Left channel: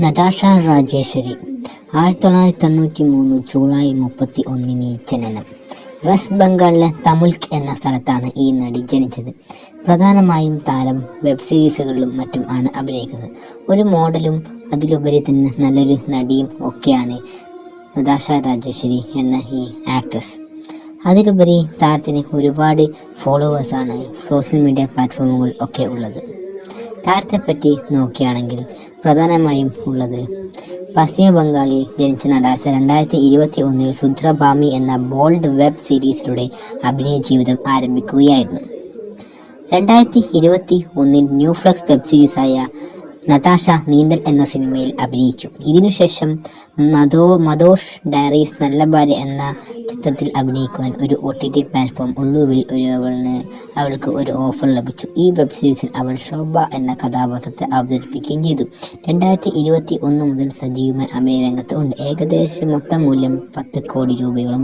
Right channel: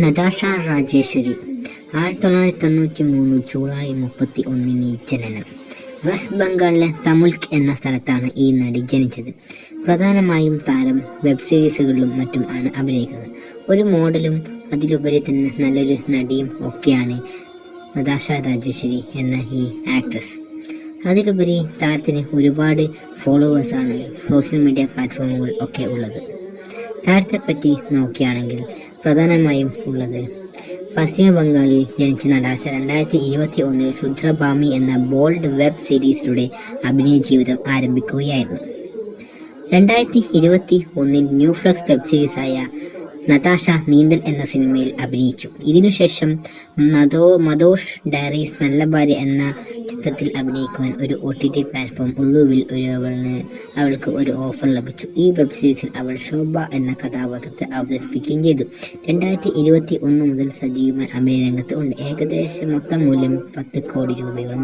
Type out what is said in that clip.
Natasha Rajeshwari 1993 July 31 ജനനം. West ബംഗാളിലെ തമുൽക് എന്ന സ്ഥലത്താണ് ഈ നടി ജനിച്ചത്. പ്രധാനമായും താരം വെബ് സീരീസുകളിലും മറ്റും ആണ് അഭിനയിക്കുന്നത്. ഒരു മോഡലും അതിലുപരി തന്നെ നല്ലൊരു നടിയും ഒക്കെയാണ് നതാഷ രാജേശ്വരി എന്ന ഈ ആക്ട്രസ്. അതിലുപരി താരത്തിന് ഒരുപാട് ഫോളോവേഴ്സാണ് സോഷ്യൽ മീഡിയ പ്ലാറ്റ്ഫോമുകൾ ഒക്കെ ഉള്ളത്. താരത്തെപ്പറ്റി നോക്കുകയാണെങ്കിൽ പ്രധാനമായും ഉള്ളത് പശ്ചിമ ബംഗാളിൽ ജനിച്ച നടാഷ 2021 സുദ്രഭാമി എന്ന ബോൾഡ് വെബ് സീരീസിലൂടെ അഭിനയ ജീവിതം ആരംഭിക്കുകയായിരുന്നു. 2021 ന്യൂ ഫ്ലക്സ് വെബ് സീരീസായ നതാഷ നീന്തൽ എന്ന സിനിമയിൽ അഭിനയിച്ചു. ഇതിനുശേഷം മദോഷ് ഡയറീസ് നല്ല ഭാര്യ എന്ന ചിത്രത്തിൽ അഭിനയിക്കുവാൻ ഒരു OTT പ്ലാറ്റ്ഫോം ഒടുവിൽ അവൾക്ക് ഒരു ഓഫർ ലഭിച്ചു. ഈ വെബ് സീരീസിൽ അവൾ ശോഭ എന്ന കഥാപാത്രത്തെ അവതരിപ്പിക്കുകയും ചെയ്തു. 2021 മുതൽ സജീവമായി അഭിനയ രംഗത്ത് ഉണ്ട്. ഏകദേശം മൊത്തം മൂല്യം 10 കോടി രൂപയോളം.